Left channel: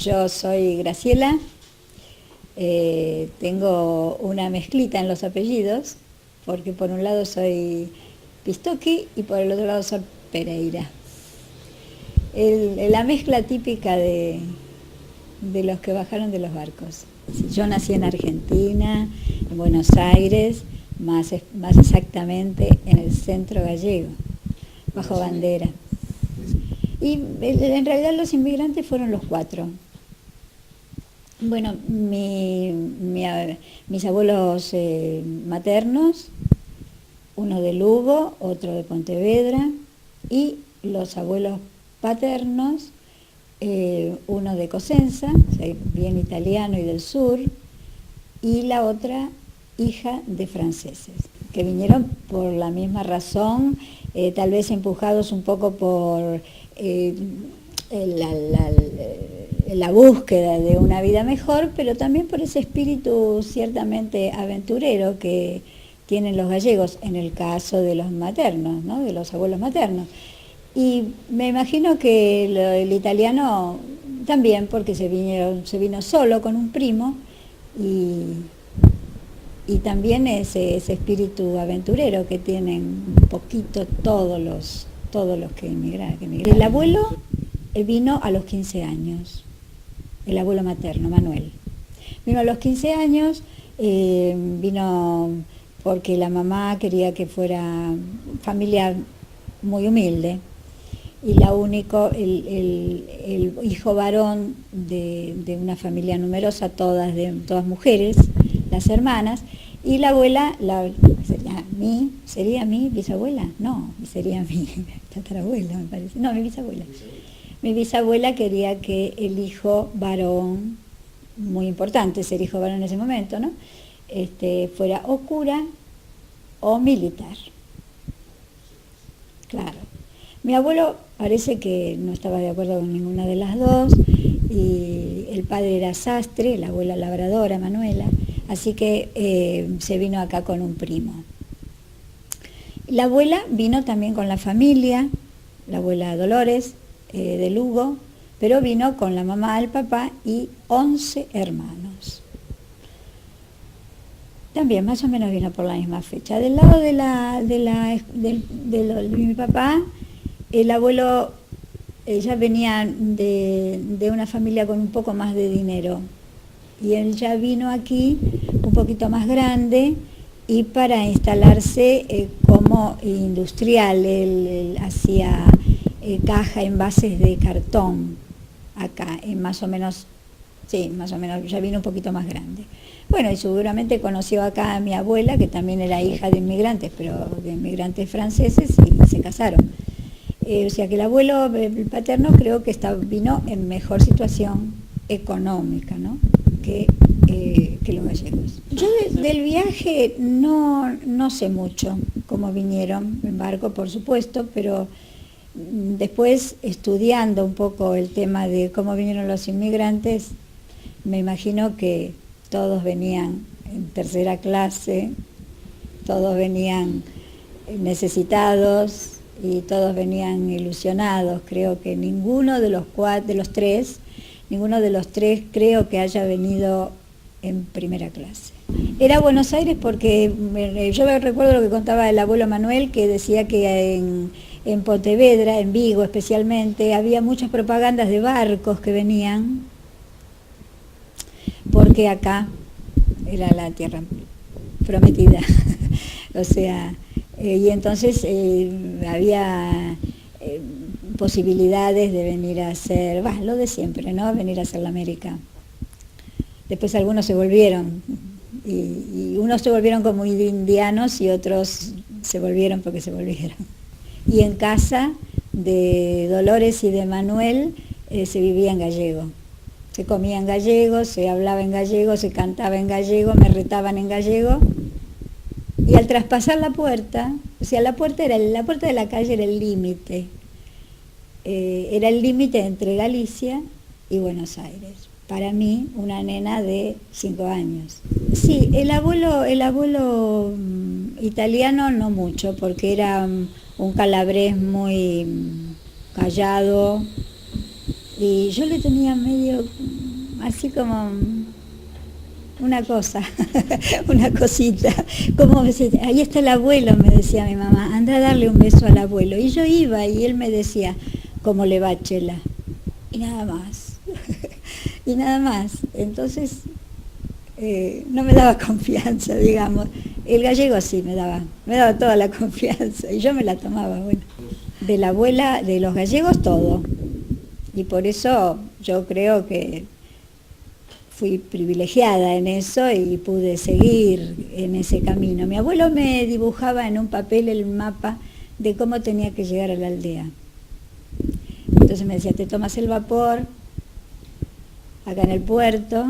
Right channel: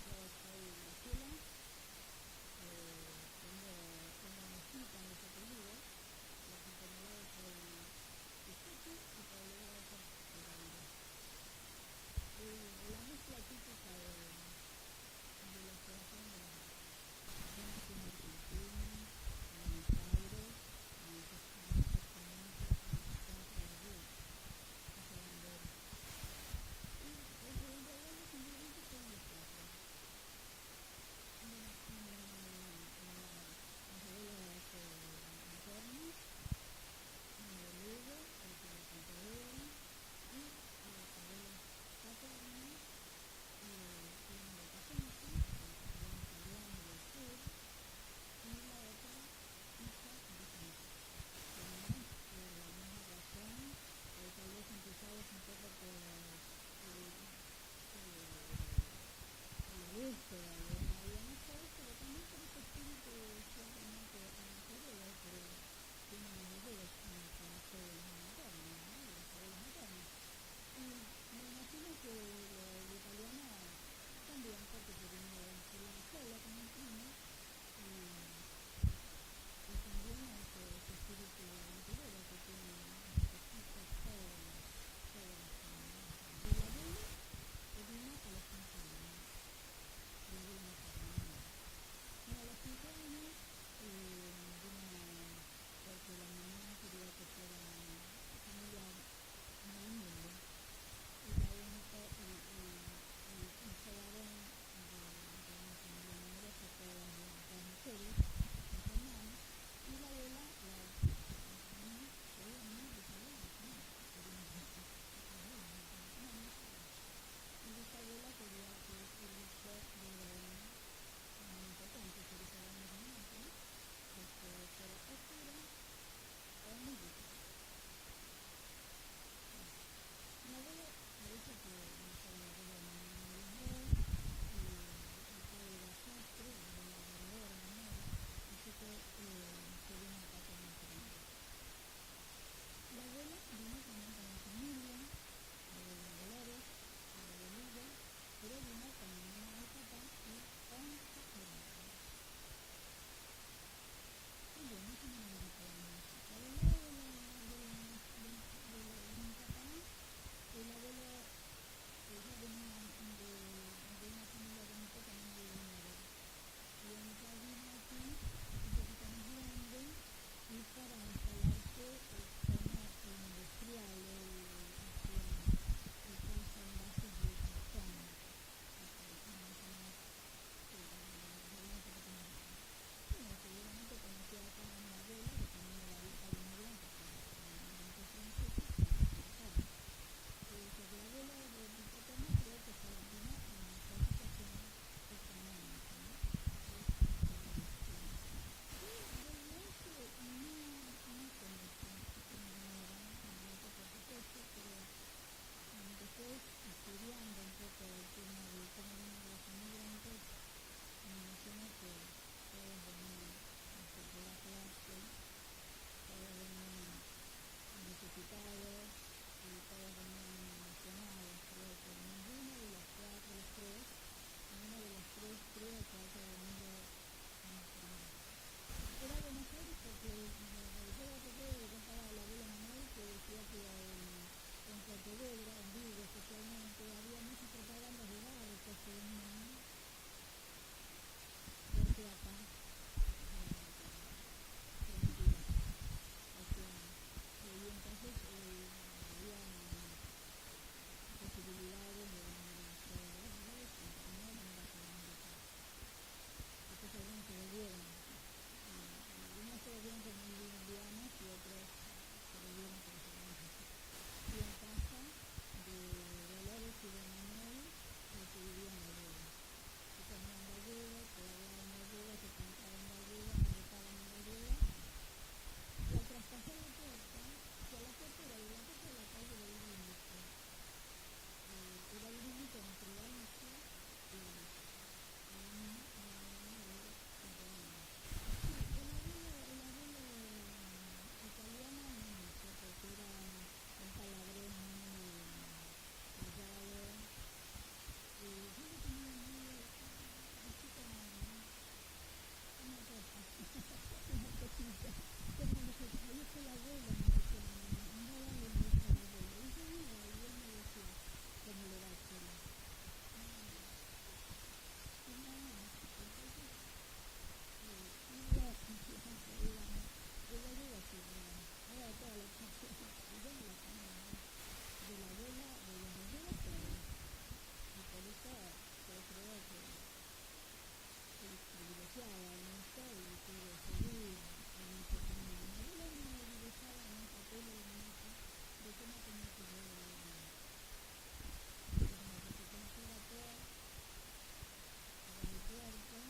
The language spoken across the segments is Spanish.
Yo soy Graciela, tengo una mezclita en los apellidos, porque por un lado soy Pistocky y por el otro lado soy Pereira. La mezcla típica de los que bajaron de los barcos. Yo nací en Argentina, en Buenos Aires, más exactamente en el centro gallego, bajo bandera. Y en realidad los inmigrantes fueron los cuatro. Bueno, mis abuelos maternos, uno de Lugo, otro de Pontevedra, y los abuelos paternos, uno de Cosenza, o sea, bien italiano y del sur, y la otra hija de franceses, que vinieron por la misma razón, tal vez empujados un poco por la búsqueda de una vida mejor, pero también por ese espíritu ciertamente aventurero que tienen los gallegos, en el caso de los maternos, ¿no? De los abuelos maternos. Y me imagino que el italiano también, porque se vino solo con un primo, y también ese espíritu aventurero que tienen un poquito todos los que emigraron. El abuelo vino a los 15 años, el abuelo materno, Manuel. Vino a los 15 años, vino porque la mamá quería que fuera familia muy humilde, y el hijo varón de una familia numerosa, todas mujeres, las hermanas, y la abuela, ¿sería mi bisabuela? No, sería mi tatarabuela, me parece. No, mi bisabuela. Mi bisabuela quería que el hijo varón, muy importante ser hijo varón en ese momento, ¿no? Fuera o cura o militar. Claro. Mi abuelo parece que no estaba de acuerdo con ninguna de las dos, y el padre era sastre, la abuela labradora, Manuela, así que se vino acá con un primo. La abuela vino también con la familia, la abuela Dolores, de Lugo, pero vino con la mamá, el papá y 11 hermanos. También más o menos vino por la misma fecha. Del lado de mi papá, el abuelo ya venía de una familia con un poco más de dinero, y él ya vino aquí un poquito más grande y para instalarse como industrial. Él hacía caja, envases de cartón acá, más o menos, ya vino un poquito más grande. Bueno, y seguramente conoció acá a mi abuela, que también era hija de inmigrantes, pero de inmigrantes franceses, y se casaron. O sea que el abuelo paterno creo que vino en mejor situación económica, ¿no? que los gallegos. Yo del viaje no sé mucho cómo vinieron, en barco por supuesto, pero después estudiando un poco el tema de cómo vinieron los inmigrantes, me imagino que todos venían en tercera clase, todos venían necesitados y todos venían ilusionados. Creo que ninguno de los tres creo que haya venido en primera clase. Era Buenos Aires porque yo recuerdo lo que contaba el abuelo Manuel, que decía que en Pontevedra, en Vigo especialmente, había muchas propagandas de barcos que venían, porque acá era la tierra prometida. O sea, y entonces había posibilidades de venir a hacer, lo de siempre, ¿no? Venir a hacer la América. Después algunos se volvieron, y unos se volvieron como indianos y otros se volvieron porque se volvieron. Y en casa de Dolores y de Manuel se vivía en gallego. Se comía en gallego, se hablaba en gallego, se cantaba en gallego, me retaban en gallego. Y al traspasar la puerta, o sea, la puerta de la calle era el límite. Era el límite entre Galicia y Buenos Aires. Para mí, una nena de 5 años. Sí, el abuelo italiano no mucho, porque era un calabrés muy callado, Y yo le tenía medio así como una cosa, una cosita, como me decía, ahí está el abuelo, me decía mi mamá, anda a darle un beso al abuelo. Y yo iba y él me decía, ¿cómo le va, Chela? Y nada más, y nada más. Entonces no me daba confianza, digamos. El gallego sí me daba toda la confianza y yo me la tomaba, bueno. De la abuela, de los gallegos todo. Y por eso yo creo que fui privilegiada en eso y pude seguir en ese camino. Mi abuelo me dibujaba en un papel el mapa de cómo tenía que llegar a la aldea. Entonces me decía, te tomas el vapor acá en el puerto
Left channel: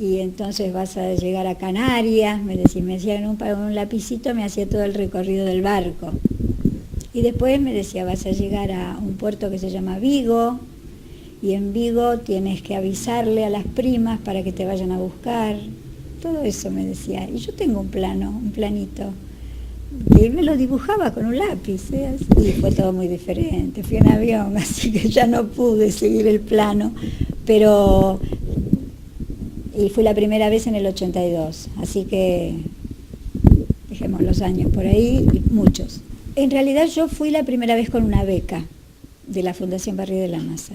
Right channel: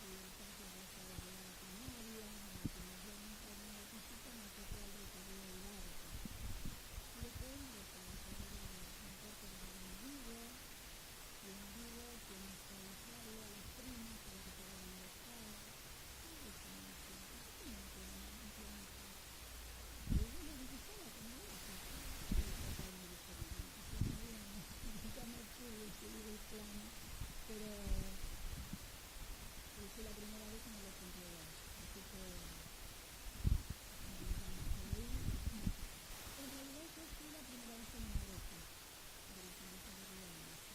y entonces vas a llegar a Canarias, me decía en un lapicito, me hacía todo el recorrido del barco. Y después me decía, vas a llegar a un puerto que se llama Vigo, y en Vigo tienes que avisarle a las primas para que te vayan a buscar. Todo eso me decía. Y yo tengo un planito. Y él me lo dibujaba con un lápiz, ¿eh? Y fue todo muy diferente. Fui en avión, así que ya no pude seguir el plano. Y fui la primera vez en el 82, así que dejemos los años por ahí, y muchos. En realidad yo fui la primera vez con una beca de la Fundación Barrio de la Masa.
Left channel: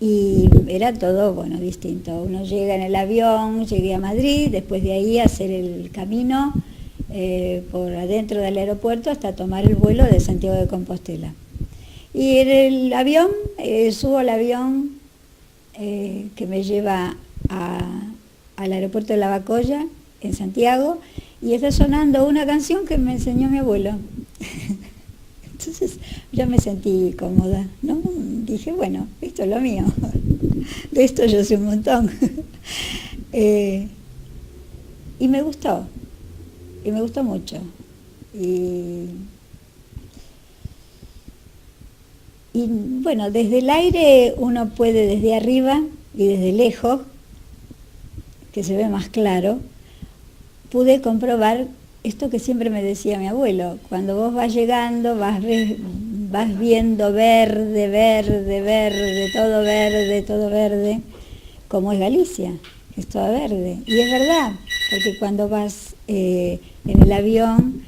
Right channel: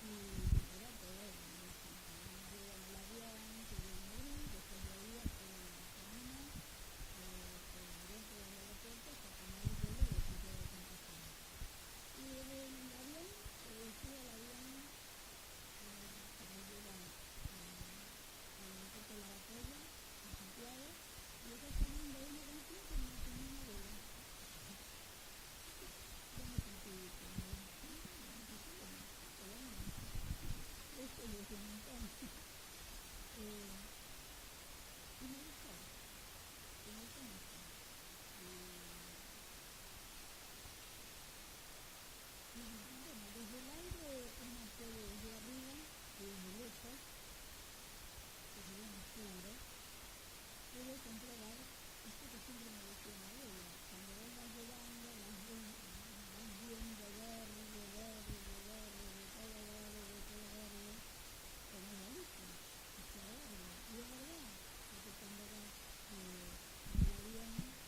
Y era todo, bueno, distinto. Uno llega en el avión, llegué a Madrid, después de ahí hacer el camino por adentro del aeropuerto hasta tomar el vuelo de Santiago de Compostela. Y en el avión, subo al avión que me lleva al aeropuerto de Lavacolla, en Santiago, y está sonando una canción que me enseñó mi abuelo. Entonces yo me sentí cómoda, ¿no? Dije, bueno, esto es lo mío, de esto yo sé un montón. Y me gustó mucho. Y bueno, desde el aire uno puede, desde arriba y desde lejos, que se ve más claro, pude comprobar esto que siempre me decía mi abuelo: cuando vos vas llegando, vas viendo verde, verde, verde, todo verde, como es Galicia, es todo verde. Y es verdad, porque cuando vas en el avión,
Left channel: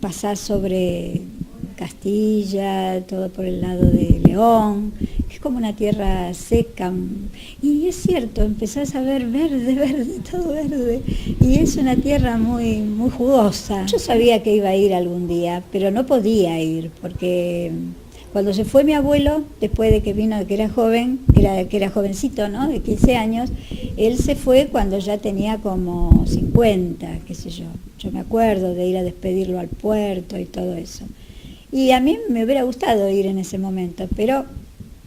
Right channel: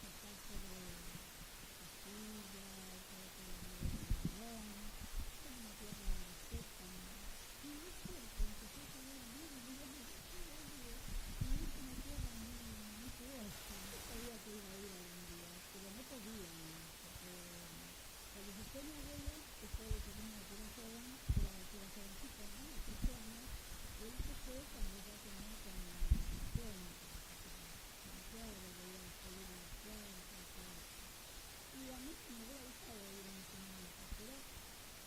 pasás sobre Castilla, todo por el lado de León, es como una tierra seca, y es cierto, empezás a ver verde, verde, todo verde, y es una tierra muy, muy jugosa. Yo sabía que iba a ir algún día, pero no podía ir, porque cuando se fue mi abuelo, después de que vino, que era joven, que era jovencito, ¿no?, de 15 años, él se fue cuando ya tenía como 50, qué sé yo. Yo me acuerdo de ir a despedirlo al puerto y todo eso. Y a mí me hubiera gustado ir en ese momento, pero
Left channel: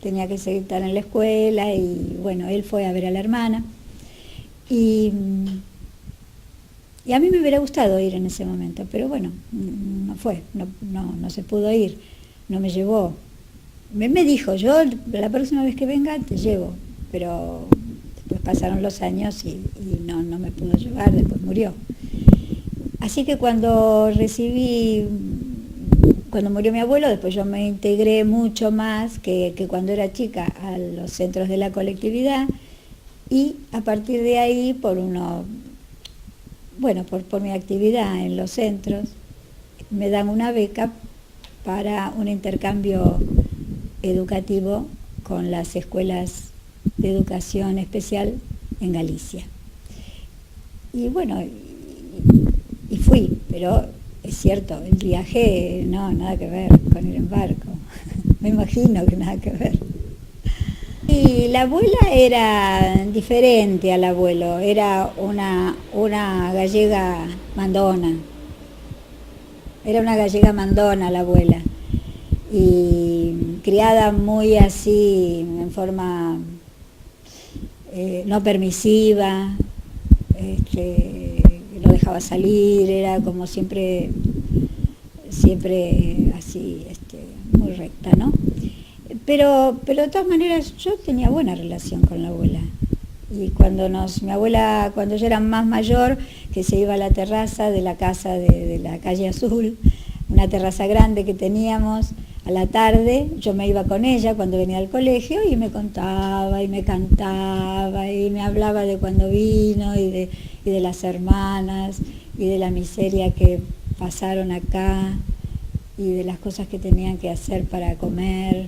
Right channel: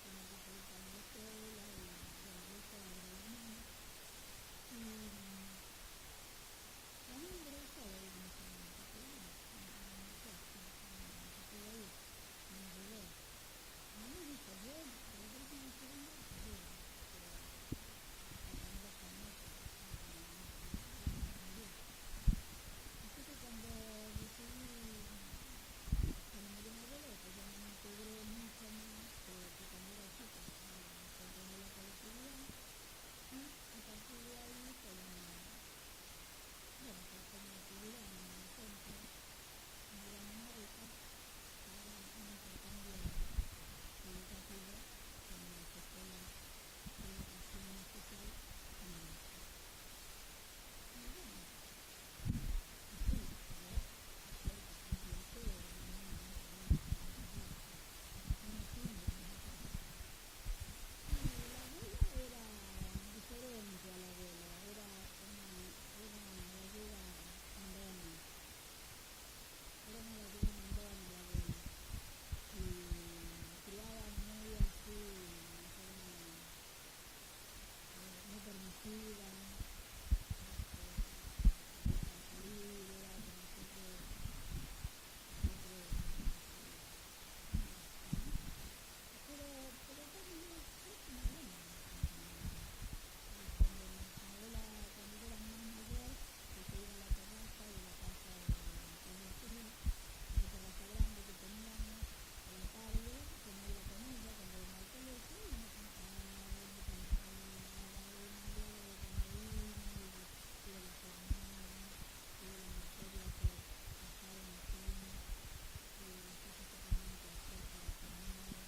tenía que seguir estar en la escuela y bueno, él fue a ver a la hermana. Y a mí me hubiera gustado ir en ese momento, pero bueno, no fue, no se pudo ir, no me llevó. Me dijo, yo la próxima vez que venga te llevo, pero después pasaron los años y no me pudo llevar, después murió. Así que cuando murió mi abuelo, después yo me integré mucho más que cuando era chica a los centros de la colectividad, y a partir de ahí, por mi actividad en los centros, me dan una beca para un intercambio educativo con las escuelas de educación especial en Galicia. Y bueno, y fui, pero es cierto, el viaje no, nada que ver con ir en barco, me imagino que nada que ver. Y la abuela era diferente al abuelo, era una gallega mandona, la abuela, y criada muy así, en forma no permisiva, lo dejaba salir, era como siempre así, muy recta, ¿no? Pero de todas maneras yo tenía buena relación con la abuela. Y mi abuela, cuando yo era más mayor, que se iba a la terraza de la casa de la calle Azul, una terraza grande que teníamos, a la tarde yo me iba con ella cuando venía al colegio y me contaba y me cantaba y me hablaba de cuando vino y de las hermanas y de la miseria que pasaron acá y de las cosas que tenían que hacer para comer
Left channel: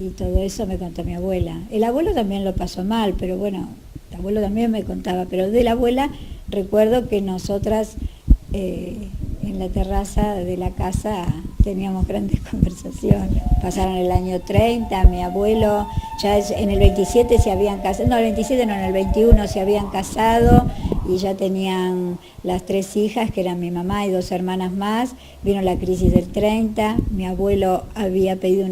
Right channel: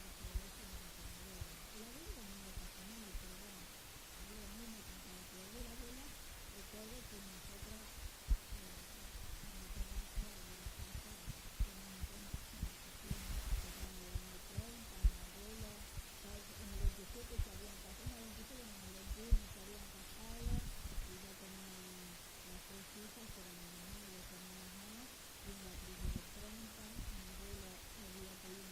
y todo eso me contó mi abuela. El abuelo también lo pasó mal, pero bueno, el abuelo también me contaba, pero de la abuela recuerdo que nosotras en la terraza de la casa teníamos grandes conversaciones. Pasaron el año 30, mi abuelo ya en el 27 se habían casado, no, el 27 no, en el 21 se habían casado y ya tenían las 3 hijas, que eran mi mamá y 2 hermanas más. Vino la crisis del 30, mi abuelo había pedido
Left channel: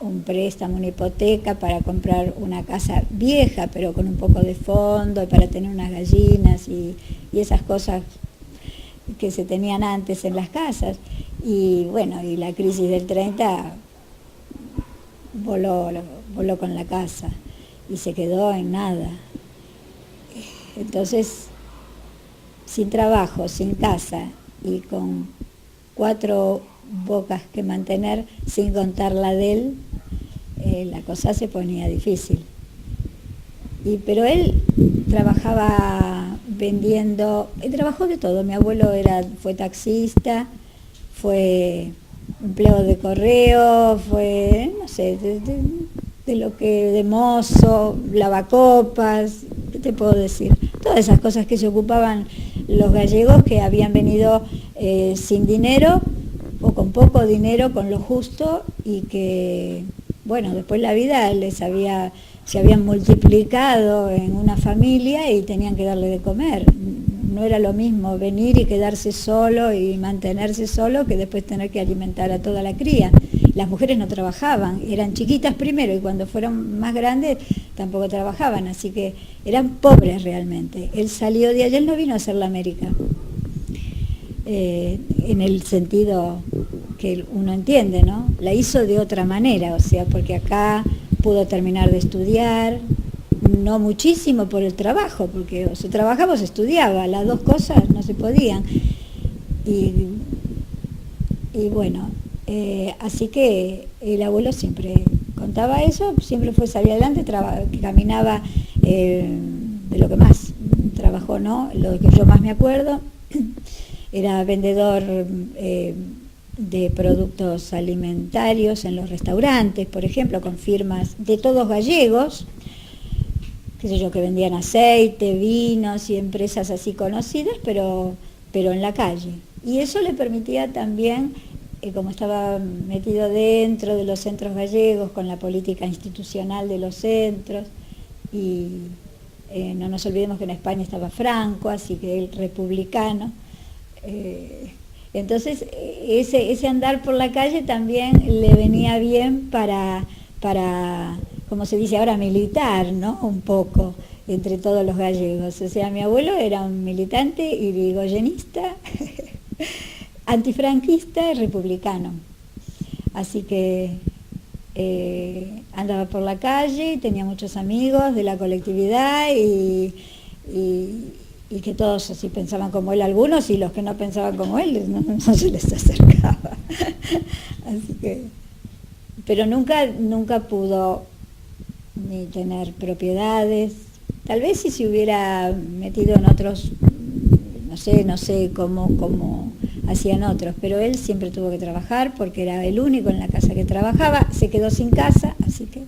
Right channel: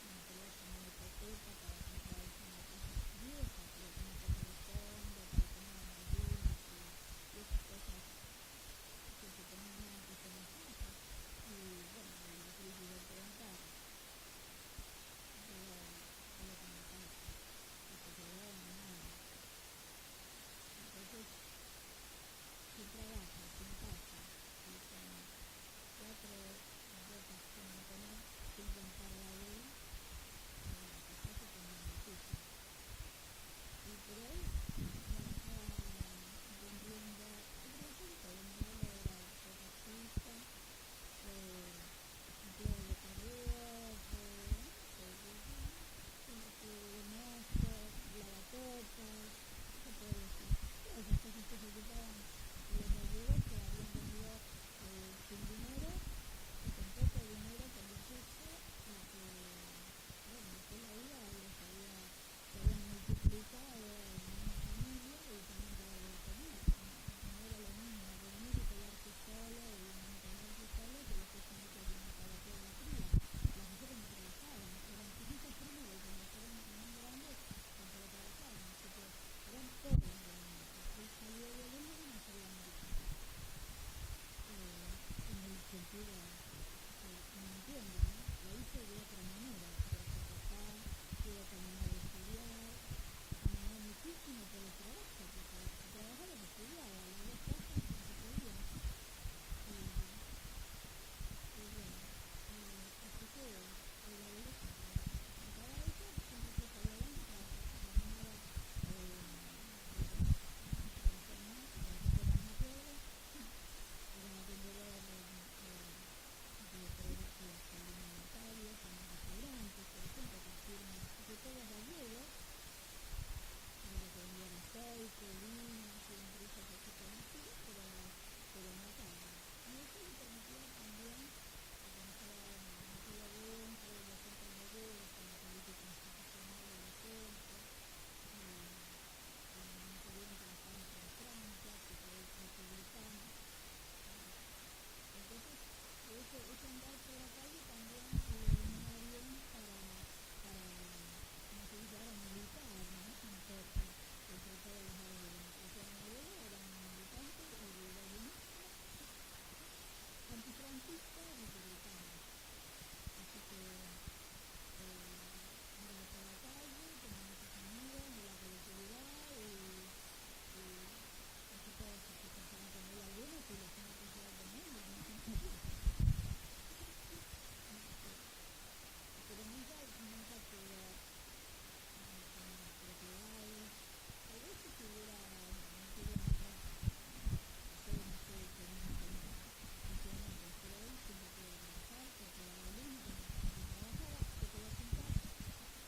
un préstamo, una hipoteca para comprar una casa vieja, pero con un poco de fondo, y para tener unas gallinas y esas cosas que se tenían antes en las casas. Y bueno, y la crisis del 30 voló con la casa y se quedó en nada. Entonces, sin trabajo, sin casa y con 4 bocas que mantener, sin contar la de él, la cosa se ponía difícil. Pero él trabajaba vendiendo, trabajó de todo. Mi abuelo fue taxista, fue empleado de correo, fue, no sé, de mozo, lavacopas, ¿qué te puedo decir? Todas esas cosas que se ocupaban los gallegos que habían venido sin dinero o con poco dinero, con lo justo, y que, bueno, después la vida se habían multiplicado en una familia y tenían que darle de comer. No era lo mismo venir y quedarse solo y mantenerse solo que después tener que alimentar a toda la cría. Las mujeres no trabajaban, eran chiquitas primero y cuando fueron más grandes tampoco trabajaban, así que eran pobres realmente. Él salió de allá, él no vino a hacer la América, en el sentido que uno entiende, ¿no? La hizo de otra manera, o sea, porque acá pudo terminar de estudiar, no muchísimo por el trabajo, porque o se trabajaba o se estudiaba, las dos cosas no se podían. Y bueno, así que el abuelo siempre contaba eso, siempre fue salir adelante, caminaba, de lo que más trabajó, ¿no? Lo que yo más me acuerdo, era vendedor de productos alimentarios en los restaurantes, por ejemplo, con firmas de todos gallegos, qué sé yo, que vendían aceite, vinos y empresas así conocidas, pero en la calle. Y eso le permitía también, como estaba metido dentro de los centros gallegos, con la política institucional de los centros, y no nos olvidemos que en España estaba Franco, así que él republicano. Entonces, ese andar por la calle también le venía bien para, como se dice ahora, militar, ¿no? Un poco, entre todos los gallegos. O sea, mi abuelo era un militante irigoyenista, antifranquista y republicano. Así que andaba por la calle, tenía muchos amigos de la colectividad y que todos así pensaban como él algunos, y los que no pensaban como él no se les acercaba. Así que, pero nunca pudo ni tener propiedades. Tal vez si se hubiera metido en otros, no sé cómo hacían otros, pero él siempre tuvo que trabajar porque era el único en la casa que trabajaba, se quedó sin casa, así que